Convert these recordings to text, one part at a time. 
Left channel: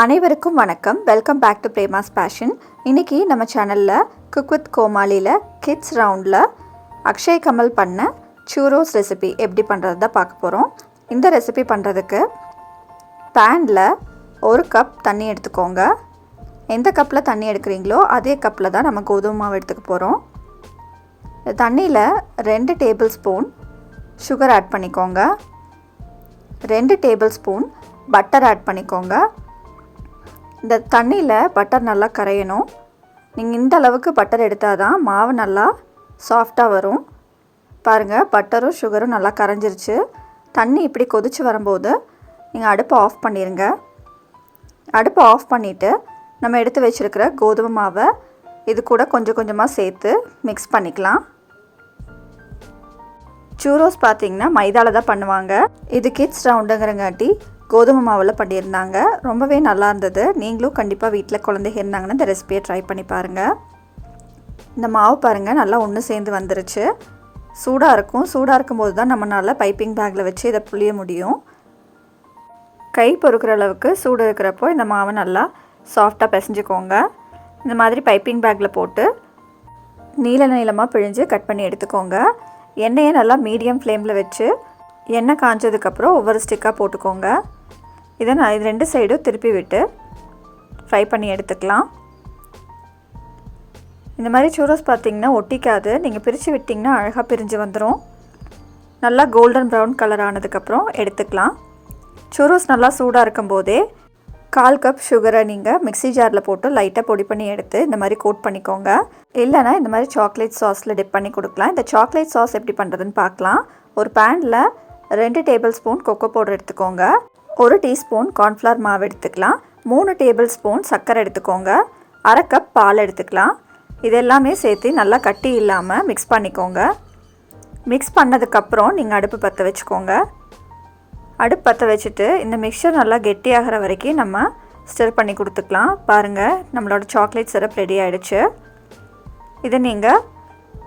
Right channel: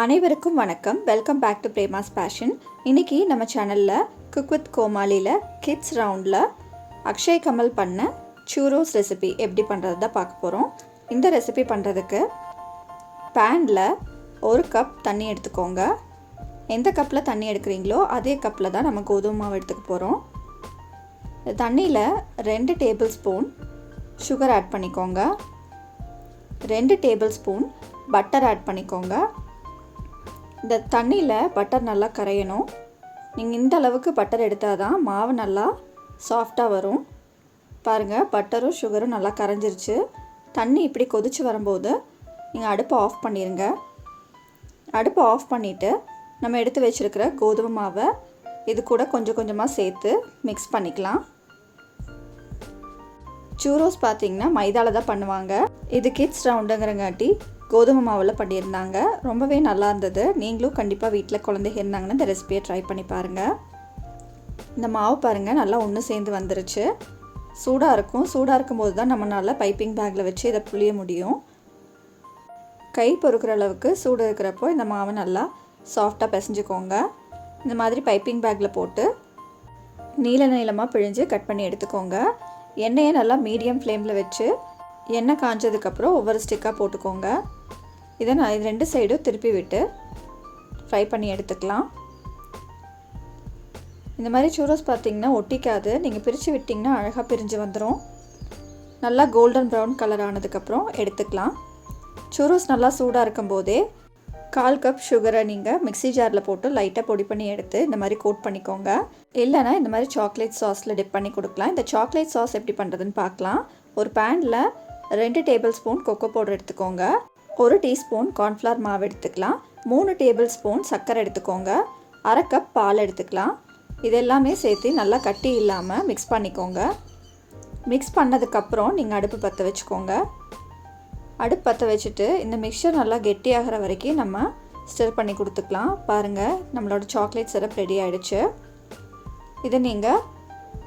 அனைவருக்கும் வணக்கம். Welcome back to Prema's passion. இன்றைக்கி நம்ம சேனலில் குக் வித் கோமாளியில் கிட்ஸ் ரவுண்டில் அக்ஷய் கமல் பண்ண சூரோஸ் ரெசிபி எப்படி பண்ணுறது தான் பார்க்க போகிறோம். இந்த ரெசிபி பண்ணுறதுக்கு பேனில் 1 கப் தண்ணி எடுத்துக்கோங்க. எந்த கப்பில் தண்ணி எடுக்கிறீங்களோ அதே கப்பில் தான் நம்ம கோதுமை மாவு எடுத்துக்க போகிறோம். தண்ணியில் 2 டேபிள் ஸ்பூன் சுகர் ஆட் பண்ணிக்கோங்க. 2 டேபிள் ஸ்பூன் பட்டர் ஆட் பண்ணிக்கோங்க. இந்த தண்ணியில் பட்டர் நல்லா கரையணும். நீங்கள் இந்த அளவுக்கு பட்டர் எடுத்தால் தான் மாவு நல்லா சாஃப்டாக வரும். பாருங்கள், பட்டரும் சுகரும் நல்லா கரைஞ்சிருச்சு. தண்ணி இப்படி கொதித்து வரும்போது நீங்கள் அடுப்பை ஆஃப் பண்ணிடுங்க. அடுப்பை ஆஃப் பண்ணிவிட்டு நம்ம எடுத்து வச்சுருக்கிற கோதுமை மாவை இது கூட கொஞ்சம் கொஞ்சமாக சேர்த்து மிக்ஸ் பண்ணிக்கலாம். சூரோஸ் பார்த்திங்கன்னா மைதாவில் தான் பண்ணுவாங்க. இது கிட்ஸ் ரவுண்டுங்கிறங்காட்டி கோதுமை மாவில் பண்ணியிருந்தாங்க. ரொம்பவே நல்லா இருந்தது. நீங்களும் கண்டிப்பாக வீட்டில் குழந்தைங்க இருந்தாங்கன்னா இந்த ரெசிபியை ட்ரை பண்ணி பாருங்கள். இந்த மாவு பாருங்கள் நல்லா ஒன்று சேர்ந்து வந்துருச்சு. சூடாக இருக்கும். சூடாக இருக்கும்போது தான் நம்மளால் பைப்பிங் பேக்கில் வச்சு இதை புளிய முடியும். கை பொறுக்கிற அளவுக்கு சூடு இருக்கிறப்போ இந்த மாவை நல்லா சாஃப்டாக பிசைஞ்சுக்கோங்க. இந்த மாதிரி பைப்பிங் பேக்கில் போட்டு நீளமாக பிழிஞ்சு கட் பண்ணி எடுத்துக்கோங்க. எண்ணெயை நல்லா மீடியம் ஃப்ளேமில் வச்சு எண்ணெய் காஞ்சதுக்கப்புறம் ஒவ்வொரு ஸ்டிக்காக போட்டுக்கோங்க. இதை நான் இது 2 சைடும் திருப்பி விட்டு ஃப்ரை பண்ணி எடுத்துக்கலாம். இந்த மாதிரி சூரோஸ் பார்த்திங்கன்னா ஒட்டிக்காது. நீங்கள் பிரித்து விட்டிங்கன்னா அழகாக பிரிஞ்சு வந்துடும். நல்லா கோல்டன் ப்ரௌன் கலர் ஆனதுக்கப்புறம் எடுத்துக்கலாம். சூரோஸ் நல்லா சூடாக இருக்கும்போதே 1/4 கப் சுகரை நீங்கள் மிக்ஸி ஜாரில் போட்டு லைட்டாக பொடி பண்ணி எடுத்து இந்த மாதிரி கோட் பண்ணிக்கோங்க. இல்லைனா இந்த மாதிரி சாக்லேட் சாஸில் டிப் பண்ணி கொடுக்கலாம். இந்த சாக்லேட் சாஸ் எப்படி பண்ணுறதுன்னு பார்க்கலாம். ஒரு பேனில் 2 டேபிள் ஸ்பூன் கொக்கோ பவுடர் எடுத்துக்கோங்க. 1 டீஸ்பூன் கார்ன்ஃப்ளவர் மாவு எடுத்துக்கலாம். 3 டேபிள் ஸ்பூன் சர்க்கரை எடுத்துக்கோங்க. 1/2 கப் பால் எடுத்துக்கலாம். இதெல்லாமே சேர்த்து நல்லா கட்டி இல்லாமல் மிக்ஸ் பண்ணிக்கோங்க. மிக்ஸ் பண்ணதுக்கப்புறம் நீங்கள் அடுப்பு பற்ற வச்சுக்கோங்க. அடுப்பு பற்ற வச்சுட்டு இந்த மிக்சர் நல்லா கெட்டியாகிற வரைக்கும் நம்ம ஸ்டிர் பண்ணி கொடுத்துக்கலாம். பாருங்கள், நம்மளோட சாக்லேட் சிரப் ரெடி ஆகிடுச்சு. இதை நீங்கள்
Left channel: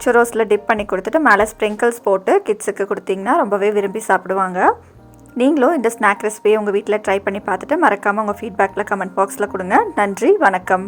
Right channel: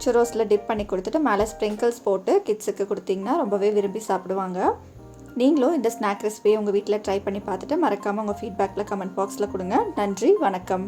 சுரோஸில் டிப் பண்ணி கொடுத்துட்டு மேலே ஸ்ப்ரிங்கிள்ஸ் போட்டு கிட்ஸுக்கு கொடுத்தீங்கன்னா ரொம்பவே விரும்பி சாப்பிடுவாங்க. நீங்களும் இந்த ஸ்நாக் ரெசிபியை உங்கள் வீட்டில் ட்ரை பண்ணி பார்த்துட்டு மறக்காமல் உங்கள் ஃபீட்பேக்கில் கமெண்ட் பாக்ஸில் கொடுங்க. நன்றி, வணக்கம்.